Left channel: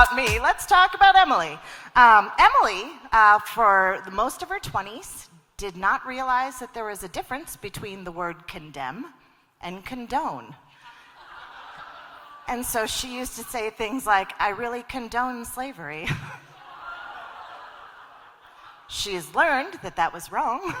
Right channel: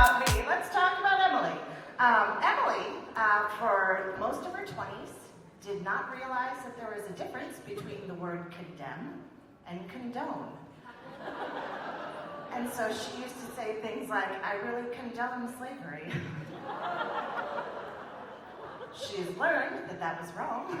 about me. Let's talk about Emily. Emily, for most of her 20s, did not realize that there was a difference between the word condemn and condone. And so she used to say things like, I really condone slavery. She's learned that that was wrong.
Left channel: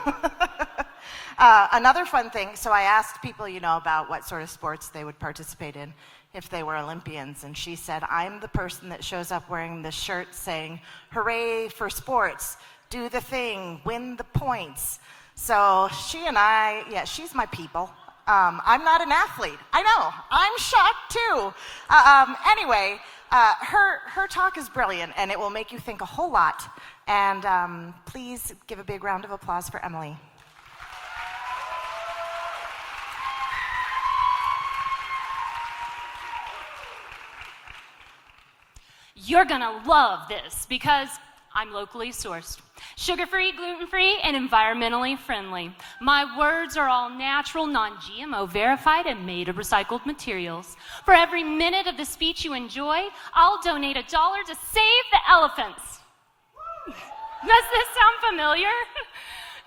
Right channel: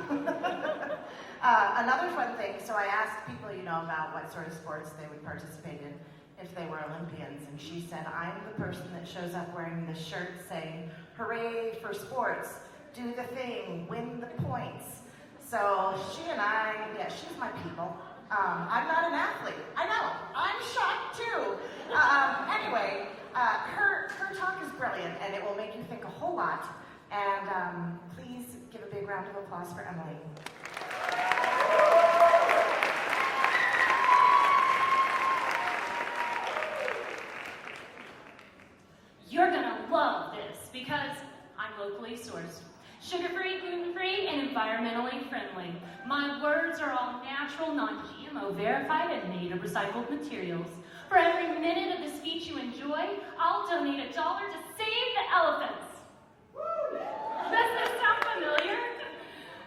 Another fun thing, so I asked people, about what sort of sports they would participate in if they were Olympians, and she said, I'm the person that shows up wearing the shirt saying, hooray for sports, do the thing, win the points. So she and I, she's my people. I'm not an athlete. I know, I'm shocked too. Anyway, her talk is brilliant, and it will make you think a whole lot. And please give a big round of applause for Emily. You're gonna love this because I'm locally sourced. Sugar-free, gluten-free, and environmentally friendly. My words are all natural, non-GMO verified, and made of recycled materials. For every minute of the speech you enjoy, I'll donate $1 to save the elephants. Does this sound familiar?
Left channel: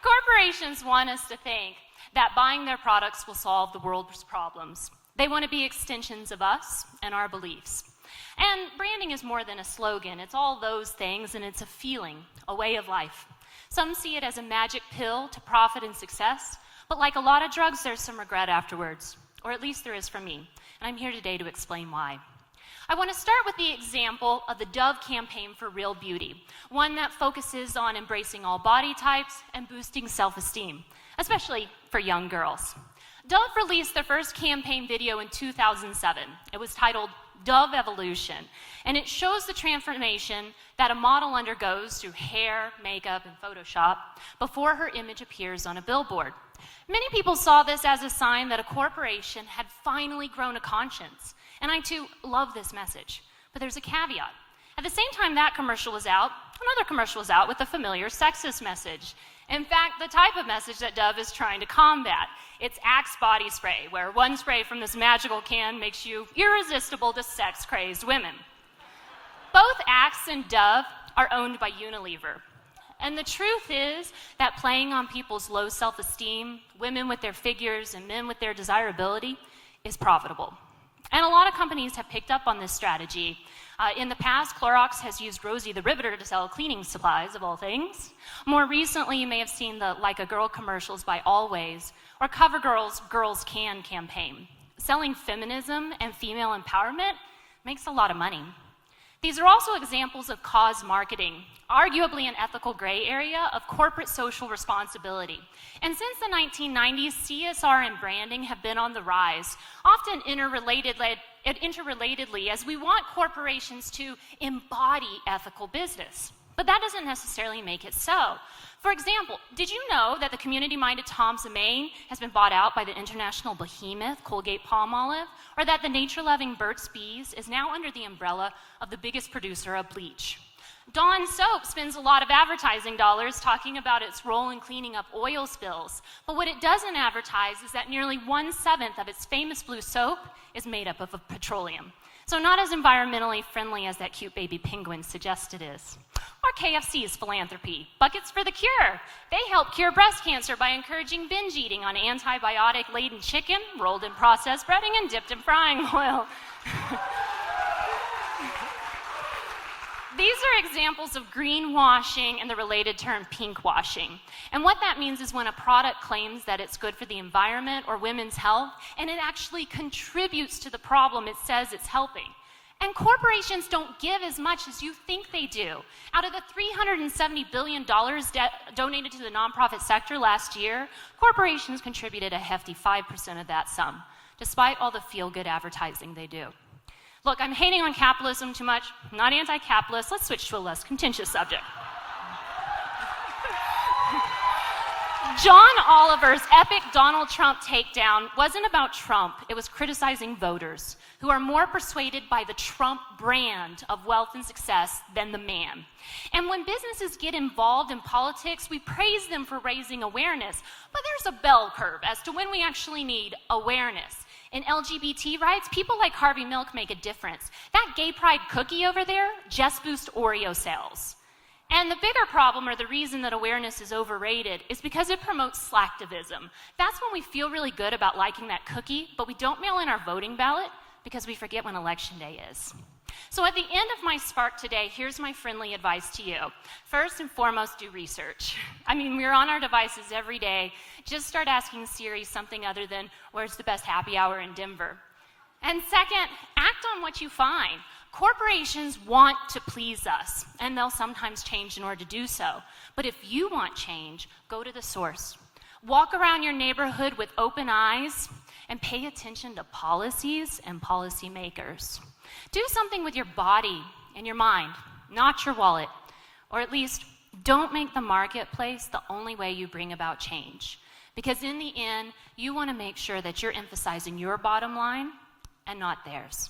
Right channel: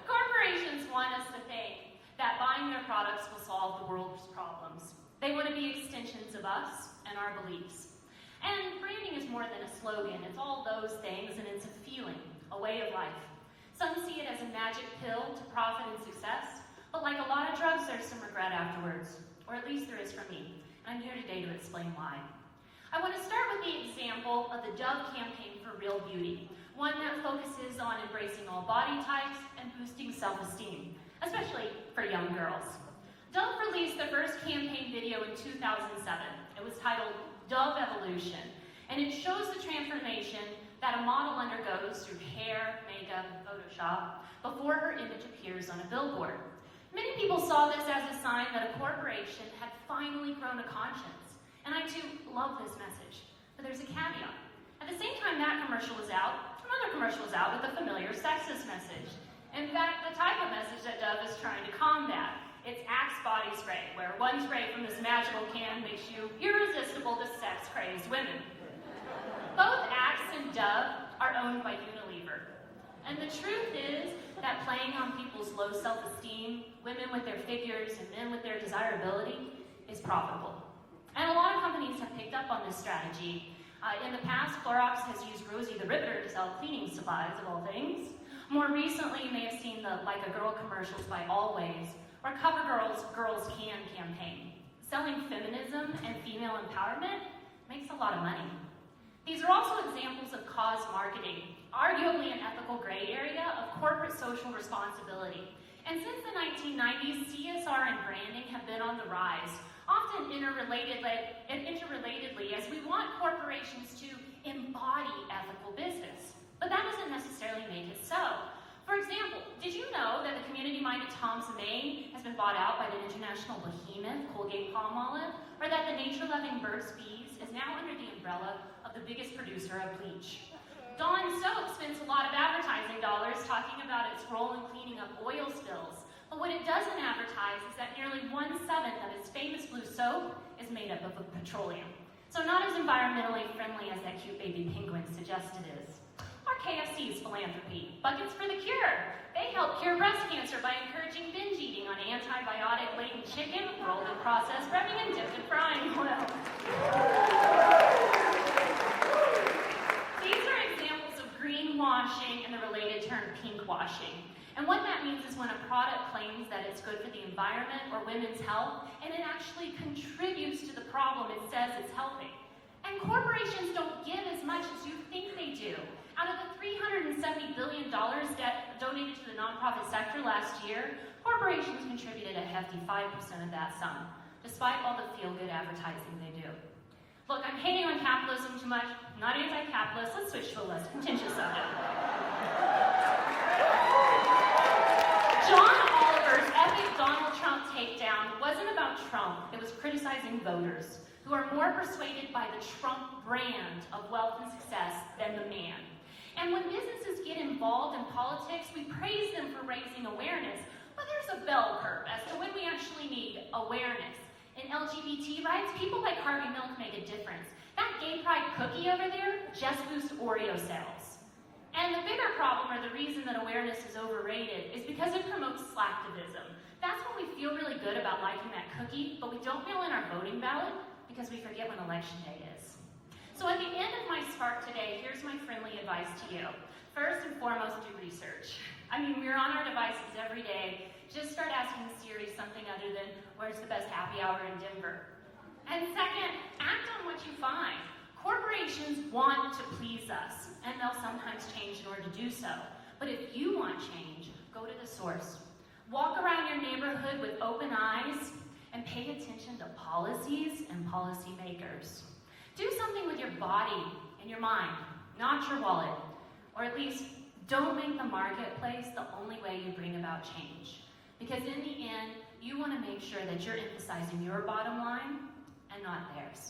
Corporations want us to think that buying their products will solve the world's problems. They want to be extensions of us and our beliefs. And branding is more than a slogan. It's all those things, and it's a feeling, a way of life. Some see it as a magic pill to profit and success, but like a lot of drugs, there's some regret afterwards, or at least there is for me, and I'm here today to explain why. I want to start with the example of the Dove campaign for real beauty, one that focuses on embracing all body types and boosting self-esteem, especially for young girls. Dove released their first campaign video in 2007. It was titled Dove Evolution, and it shows the transformation that a model undergoes through hair, makeup, and Photoshop before her image appears on a billboard. Many people saw this as a sign that a corporation had finally grown a conscience, and I too love this message, but there's a caveat. At the same time that commercial was out, another commercial was out with a familiar sexist message. In fact, the type of message that Dove is trying to combat. It's Axe body spray, where one spray from this magical can makes you irresistible to sex-crazed women. Both Axe and Dove are owned by Unilever. And the truth is that playing on people's low self-esteem, women with their figures and men with their desirability, is profitable. And a lot of companies have picked up on this strategy. In the past, Clorox has used Rosie the Riveter to sell cleaning supplies, of all things. More recently, you may have seen the Like a Girl commercials by Always, or CoverGirl's Girls Can campaign. Selling feminism and female empowerment makes a lot of money. These are also examples of cause marketing, arguably an ethical gray area of corporate social responsibility. And since the 1990s, CSR and branding have been on the rise, often interrelatedly, as we want corporations to embody ethical business. But that doesn't necessarily make it so. For example, did you know that the community-minded Tom's of Maine has been bought out by the international behemoth Colgate-Palmolive, or that the nature-loving Burt's Bees is now under the umbrella of the biggest producer of bleach? Dawn Soap spends a lot of advertising dollars talking about its role in cleaning up oil spills, but what it doesn't advertise is that nearly 1/7 of its famous blue soap is made up of petroleum. So not as environmentally friendly as that cute baby penguin suggests it is. Or KFC's philanthropy, Buckets for the Cure. They help cure breast cancer by encouraging binge eating on antibiotic-laden chicken, rolled in processed breading, and dipped in frying oil. These are examples of greenwashing and the related term pinkwashing. And what that means is when a product claims that it's good for the environment or women's health, and it actually contributes to the problem it says it's helping. And corporations don't give as much as you think they do. Out of the $370 billion donated to the nonprofit sector last year, corporations contributed a hefty 5% of that sum, despite all the feel-good advertising they do. Look, I'm hating on capitalism too much. I'm not anti-capitalist. Let's switch to a less contentious subject. John Oliver's epic Donald Trump takedown wasn't about Trump. It was criticizing voters who are more persuaded by the Trump brand of wealth and success than the man. And when businesses get involved in politics, we praise them for raising awareness, but there's a bell curve as to when we actually need awareness. In LGBT rights, people like Harvey Milk make a difference. That gay pride cookie over there just boosts Oreo sales. And the bigger problem, or the reason that awareness is overrated, is because it promotes slacktivism. That's when we feel really good about liking that cookie, but we don't mail in our voting ballot because we forget when election day is. So at the end of my spark today, here's my friendly advice to you. First and foremost, do research. I mean, we're on our devices every day. Just start asking Siri something other than, where's the best happy hour in Denver? And second, act on what you find. Corporations want to please us, and they'll sometimes change in order to do so. But if you want change, go to the source. Walk around your neighborhood with open eyes and pay attention to policies and policymakers. Do something with your body and your mind, not your wallet. Or at least, don't make the marketplace the only way you bring about change. Because in the end, you want to make sure that you're emphasizing your bottom line and not theirs.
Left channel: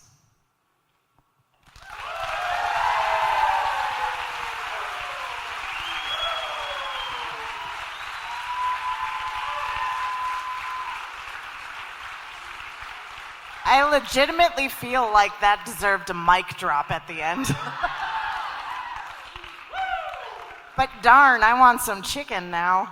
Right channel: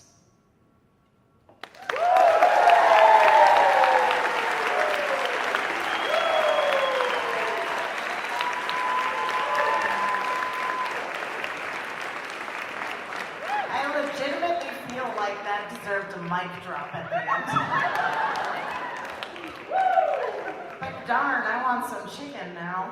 I legitimately feel like that deserved a mic drop at the end. But darn, I want some chicken now.